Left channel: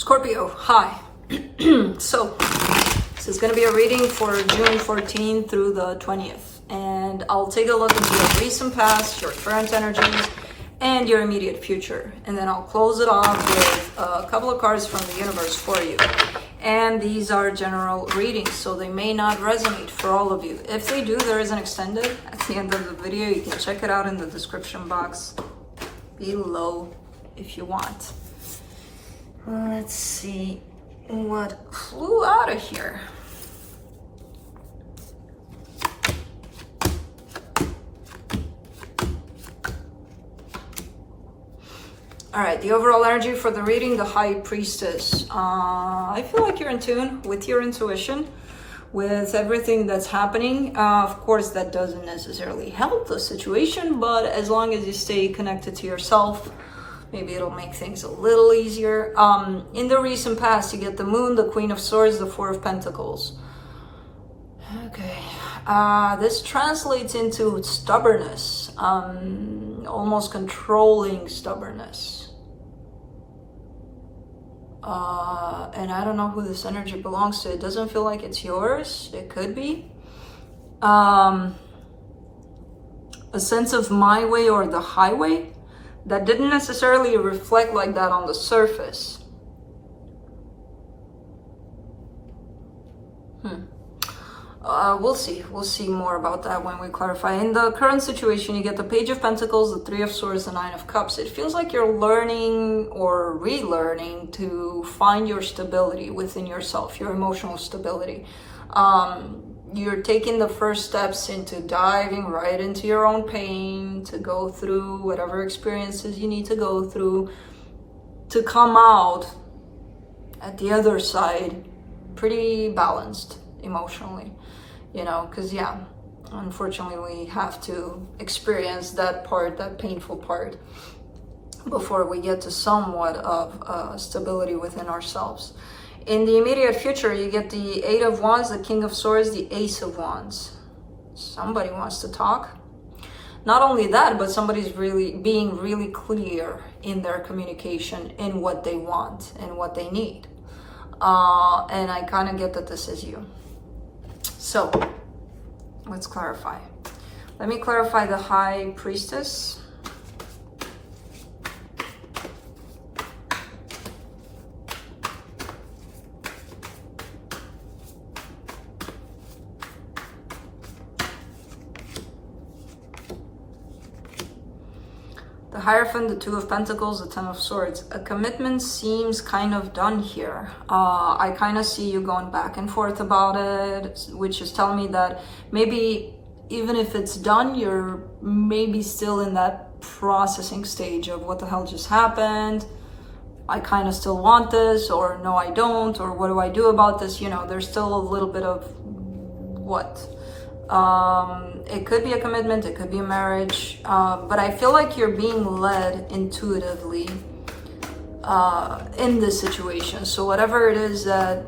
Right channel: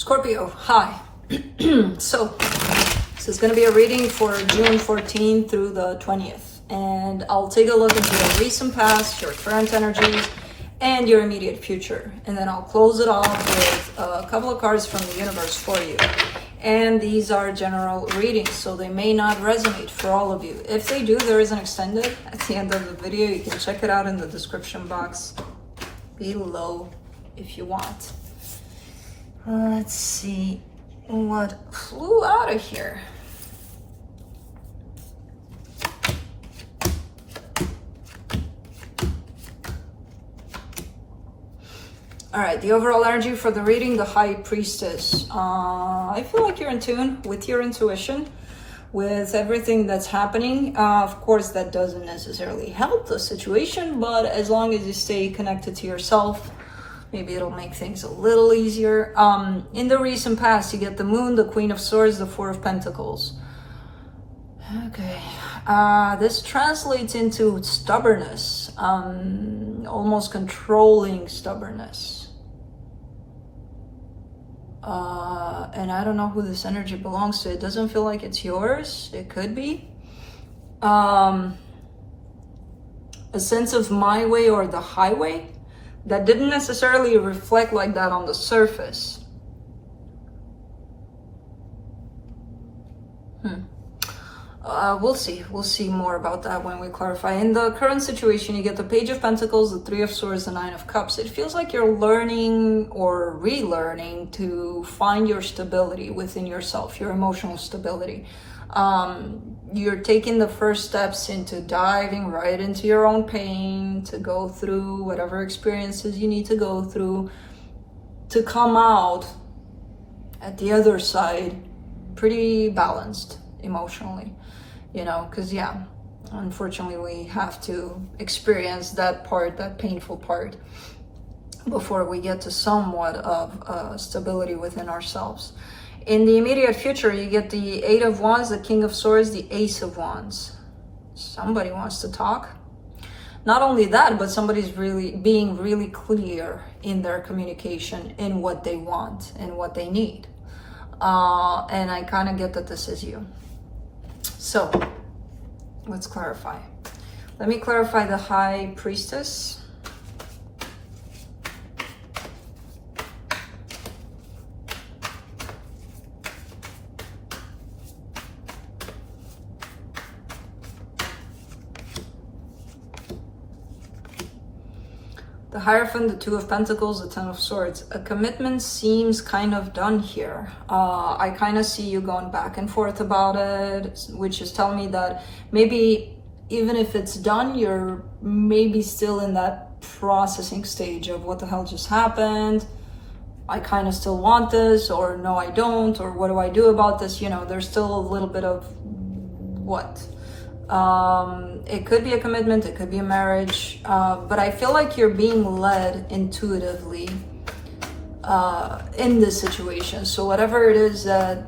Scorpio, hi. So, this is going to be a reading for June 14th through the 20th. And I'll take a look into your recent past, your current energies, and your immediate future. And then I'll close it off with a couple of cards from the universe for you. And these are general readings, so they may not resonate for all of you. If they do, there is an extended at the end of the video. You can check it out in the description box below if you want. Let's see what flew out of here. All right, the overall energy for the reading, the High Priestess. I feel like you're in tune with your intuition, with everything that's happening. Of course, that doesn't necessarily help the situation, but as long as you stay connected to yourself, maybe it'll make things a little easier. In the recent past, you get the Moon, the Queen of Swords, the Four of Pentacles. Okay. This translates into stubbornness, almost controlling stubbornness. And I don't know who this energy belongs to. It doesn't feel like it's yours. It could be. A sense of my way or the highway that didn't necessarily reflect like that on the surface. We'll see. We'll see more about that when we clarify. In the current situation, you get the Page of Pentacles, the Three of Swords, the Nine of Cups. It feels like you're learning or relearning to find your stability within yourself, your emotional stability. You're taking the first steps into diving right into your own pain, to go through whatever experiences you need to go through, to come out at the other side pretty balanced emotionally, you know, because yeah, unfortunately we have to experience that part, that painful part, before we get to somewhat of stability within ourselves. In the immediate future, you get the Eight of Wands, the King of Swords, the Ace of Wands. Somebody wants to talk. Not only that, but somebody's really being really clear in their communication in what they want and what they need. And I kind of get that this is you. So let's clarify. Let me clarify the High Priestess. The Hierophant, the Two of Pentacles, the Ten of Swords. A commitment seems kind of done here. I kind of see you going back and forth about it, which is telling me that maybe even if it's done, you're maybe still in that processing stage of what the hell just happened. I kind of still want this, or no, I don't, or what do I do about this? You know, there's still a little bit of what? It could be a commitment, it could be a marriage, but I feel like you're being led intuitively in this situation. So whatever it is that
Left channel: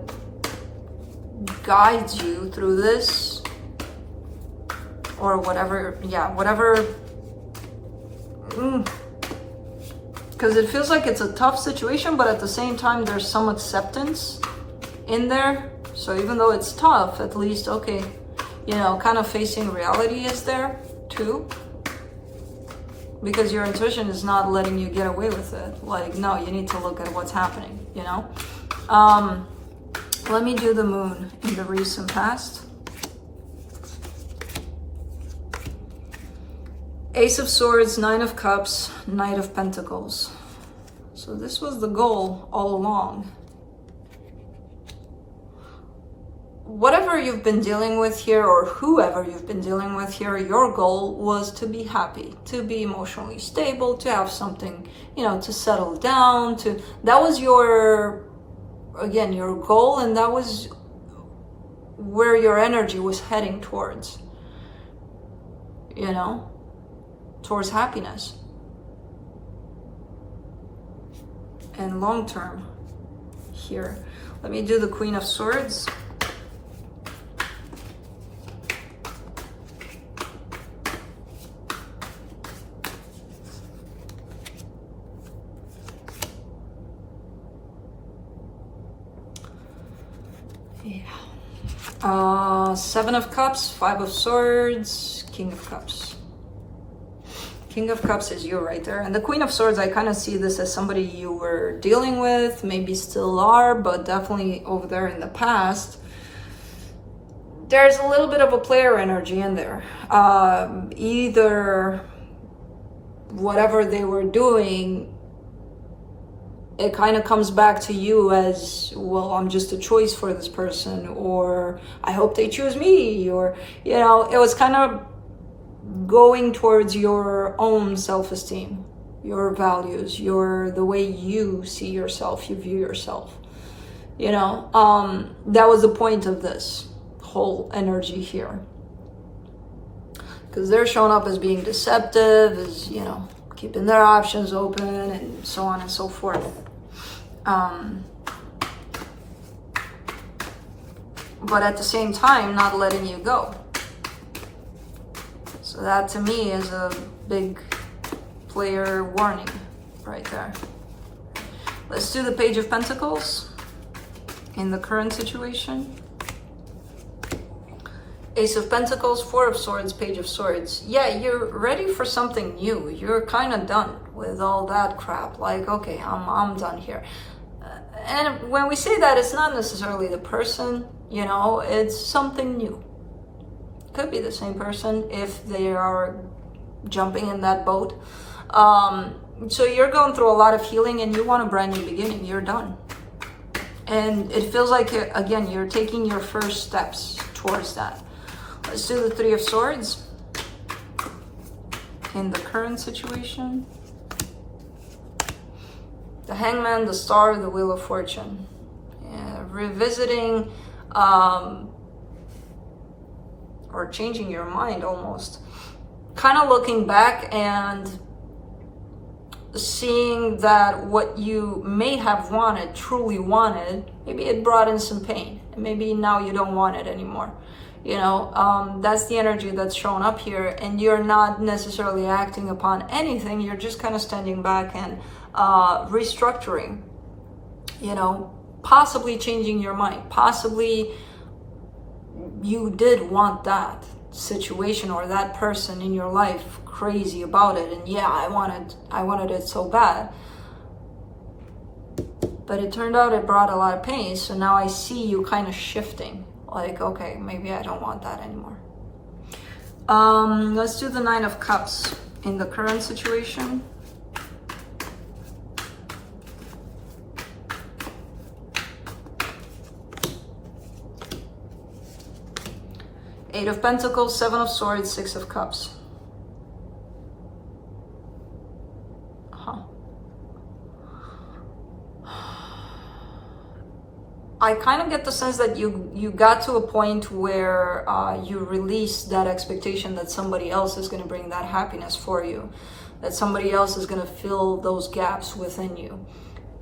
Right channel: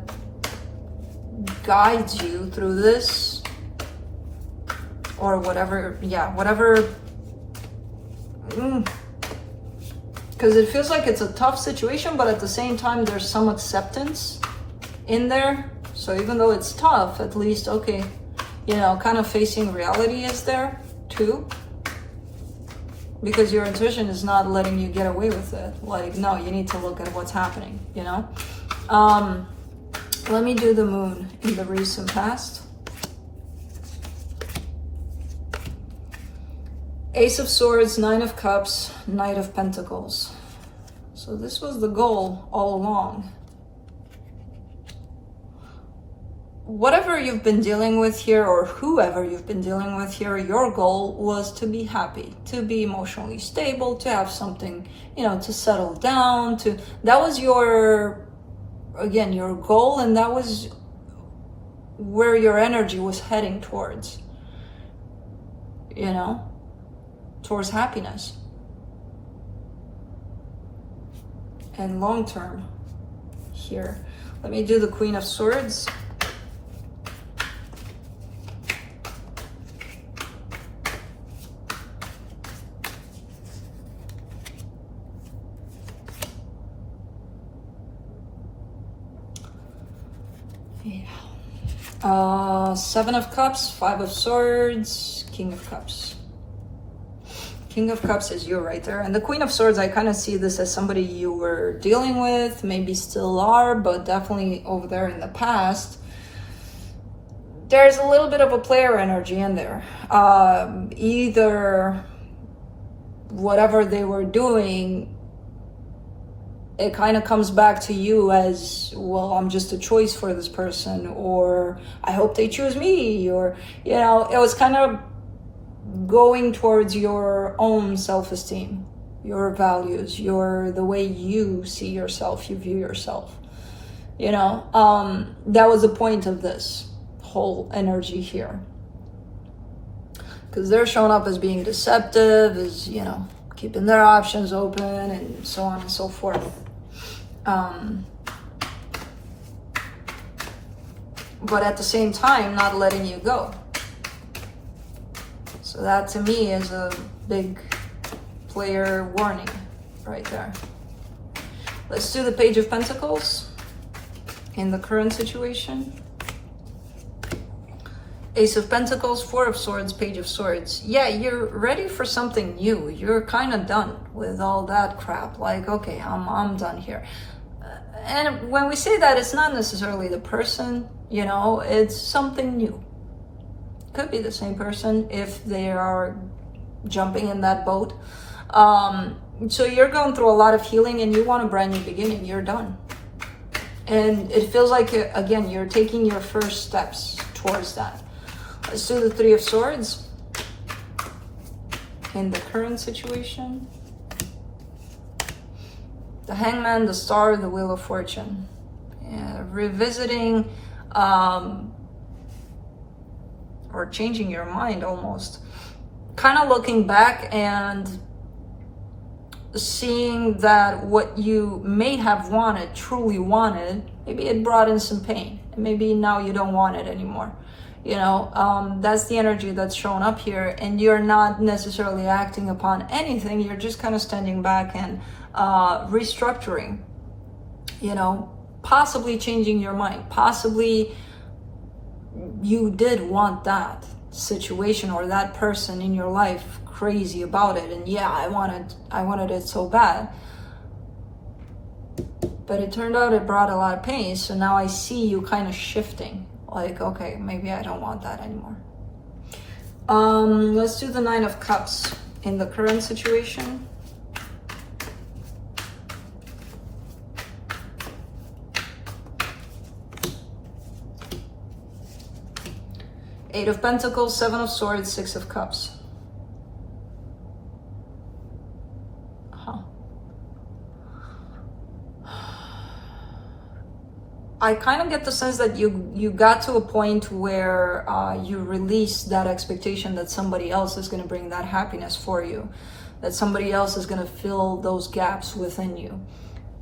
guides you through this, or whatever, yeah, whatever, because it feels like it's a tough situation, but at the same time there's some acceptance in there. So even though it's tough, at least, okay, you know, kind of facing reality is there too, because your intuition is not letting you get away with it. Like, no, you need to look at what's happening, you know. Let me do the Moon in the recent past. Ace of Swords, Nine of Cups, Knight of Pentacles. So this was the goal all along. Whatever you've been dealing with here, or whoever you've been dealing with here, your goal was to be happy, to be emotionally stable, to have something, you know, to settle down, that was your, again, your goal, and that was where your energy was heading towards, you know, towards happiness. And long term here. Let me do the Queen of Swords. Yeah. Seven of Cups, Five of Swords, King of Cups. King of Cups is you right there. And the Queen of Swords, I kind of see this as somebody you were dealing with, maybe still are, but definitely over there in the past. There's a little bit of a player energy in there. Either whatever they were doing, it kind of comes back to you as, well, I'm just a choice for this person, or I hope they choose me, or, you know, it was kind of going towards your own self-esteem, your values, the way you see yourself, you view yourself. You know, that was the point of this whole energy here. Because they're showing up as being deceptive, as, you know, keeping their options open and so on and so forth. But at the same time, not letting you go. So that to me is a big player warning right there. Let's do the Page of Pentacles in the current situation. Ace of Pentacles, Four of Swords, Page of Swords. Yeah, you're ready for something new. You're kind of done with all that crap. Like, okay, I'm done here. And when we say that, it's not necessarily the person, you know, it's something new. Could be the same person if they are jumping in that boat. So you're going through a lot of healing and you want a brand new beginning. You're done. And it feels like, again, you're taking your first steps towards that. Let's do the Three of Swords in the current situation. The Hangman, the Star, the Wheel of Fortune. Yeah, revisiting or changing your mind almost. Kind of looking back and seeing that what you may have wanted, truly wanted, maybe it brought in some pain. And maybe now you don't want it anymore. You know, that's the energy that's showing up here, and you're not necessarily acting upon anything. You're just kind of standing back and restructuring, you know, possibly changing your mind. Possibly you did want that situation or that person in your life, crazy about it, and yeah, I wanted it so bad. But it turned out it brought a lot of pain, so now I see you kind of shifting. Like, okay, maybe I don't want that anymore. Let's do the Nine of Cups in the current situation. Eight of Pentacles, Seven of Swords, Six of Cups. I kind of get the sense that you got to a point where you release that expectation that somebody else is going to bring that happiness for you, that somebody else is going to fill those gaps within you.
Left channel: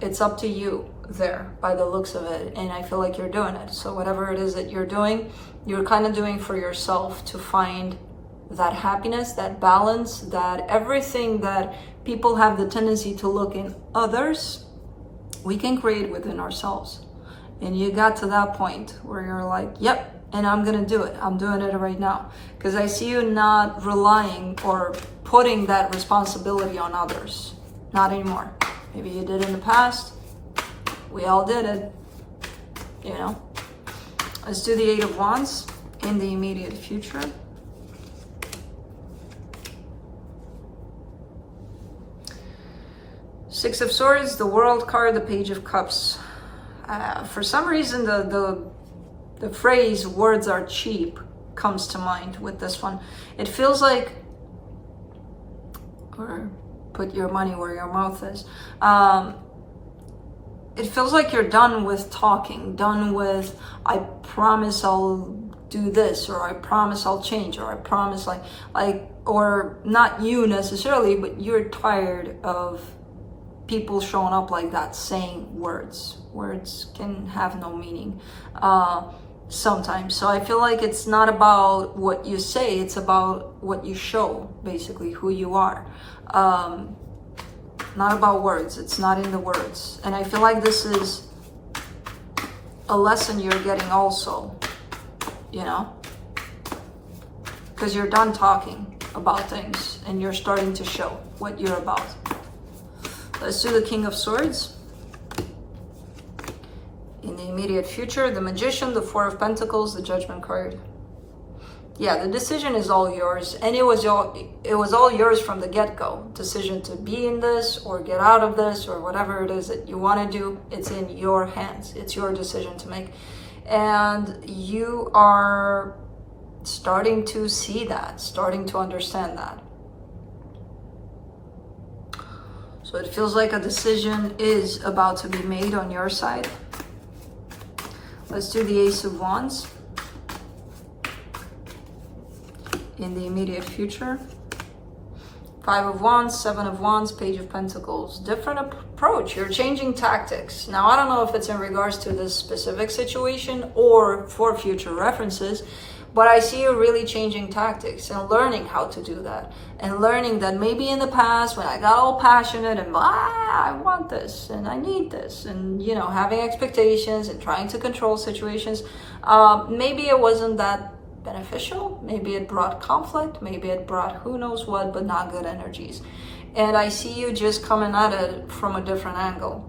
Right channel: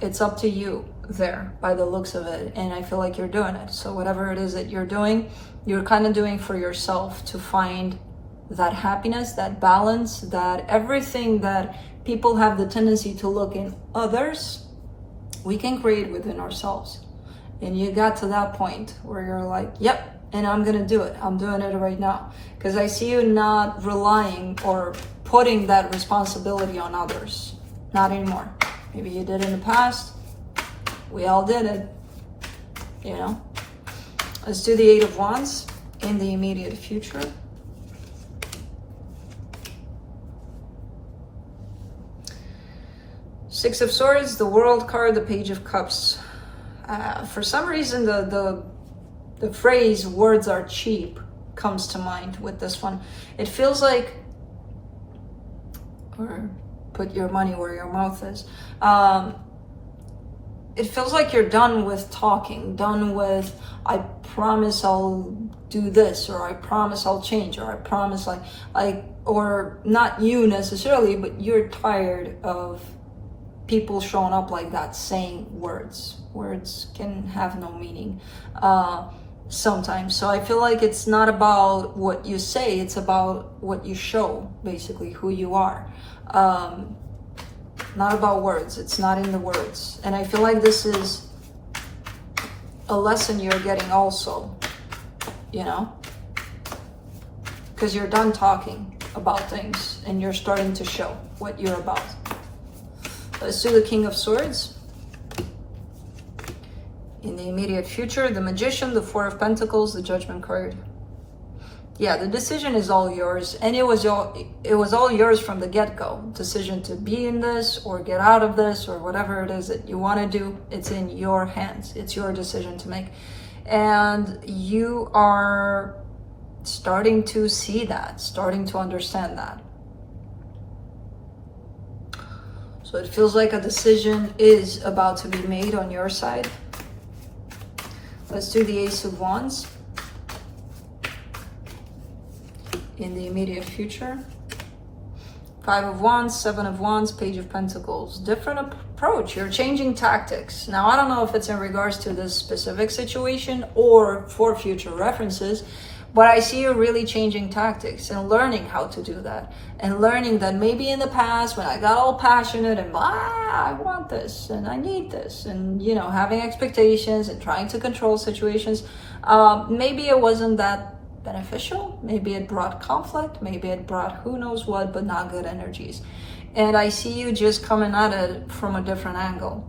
It's up to you there by the looks of it, and I feel like you're doing it. So whatever it is that you're doing, you're kind of doing for yourself to find that happiness, that balance, that everything that people have the tendency to look in others, we can create within ourselves. And you got to that point where you're like, yep, and I'm gonna do it. I'm doing it right now. Because I see you not relying or putting that responsibility on others. Not anymore. Maybe you did in the past. We all did it, you know. Let's do the Eight of Wands in the immediate future. Six of Swords, the World card, the Page of Cups. For some reason, the phrase "words are cheap" comes to mind with this one. It feels like, or put your money where your mouth is. It feels like you're done with talking, done with, I promise I'll do this, or I promise I'll change, or I promise or not you necessarily, but you're tired of people showing up like that, saying words. Words can have no meaning sometimes. So I feel like it's not about what you say, it's about what you show, basically, who you are. Not about words. It's not in the words. And I feel like this is a lesson you're getting also, you know, because you're done talking about things and you're starting to show what you're about. Let's do the King of Swords. In the immediate future, the Magician, the Four of Pentacles, the Judgment card. Yeah, the decision is all yours, and it was all yours from the get-go. Decision to be in this or get out of this or whatever it is that you want to do, it's in your hands. It's your decision to make. And you are starting to see that, starting to understand that. So it feels like a decision is about to be made on your side. Let's do the Ace of Wands. In the immediate future. Five of Wands, Seven of Wands, Page of Pentacles. Different approach. You're changing tactics. Now, I don't know if it's in regards to this specific situation or for future references, but I see you really changing tactics and learning how to do that. And learning that maybe in the past when I got all passionate and I want this and I need this and, you know, having expectations and trying to control situations, maybe it wasn't that beneficial. Maybe it brought conflict, maybe it brought who knows what, but not good energies. And I see you just coming at it from a different angle.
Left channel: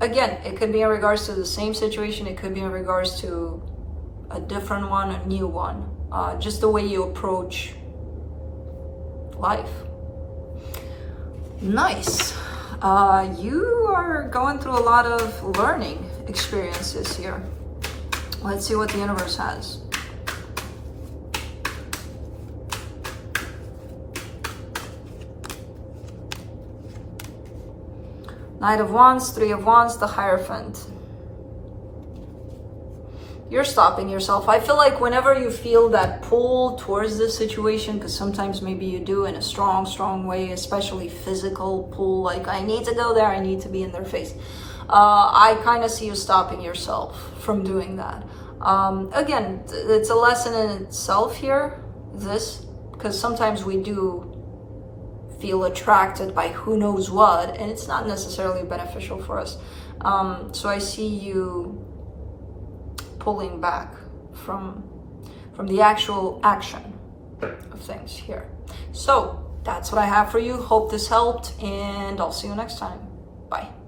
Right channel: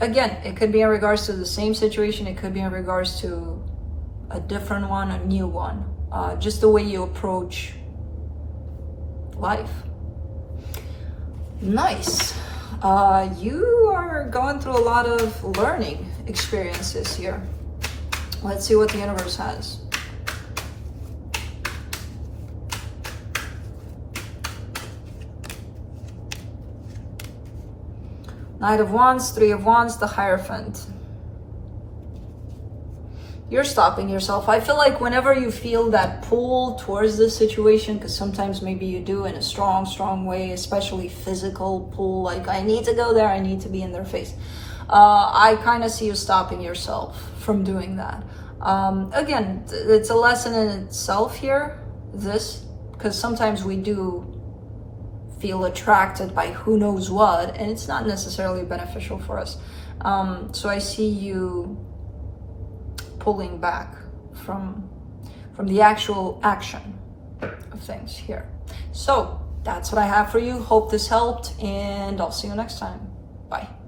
Again, it could be in regards to the same situation, it could be in regards to a different one, a new one, just the way you approach life. Nice. You are going through a lot of learning experiences here. Let's see what the universe has. Knight of Wands, Three of Wands, the Hierophant. You're stopping yourself. I feel like whenever you feel that pull towards this situation, because sometimes maybe you do in a strong way, especially physical pull, like I need to go there, I need to be in their face. I kind of see you stopping yourself from doing that. Again, it's a lesson in itself here, because sometimes we do feel attracted by who knows what, and it's not necessarily beneficial for us. So I see you pulling back from the actual action of things here. So that's what I have for you. Hope this helped, and I'll see you next time. Bye.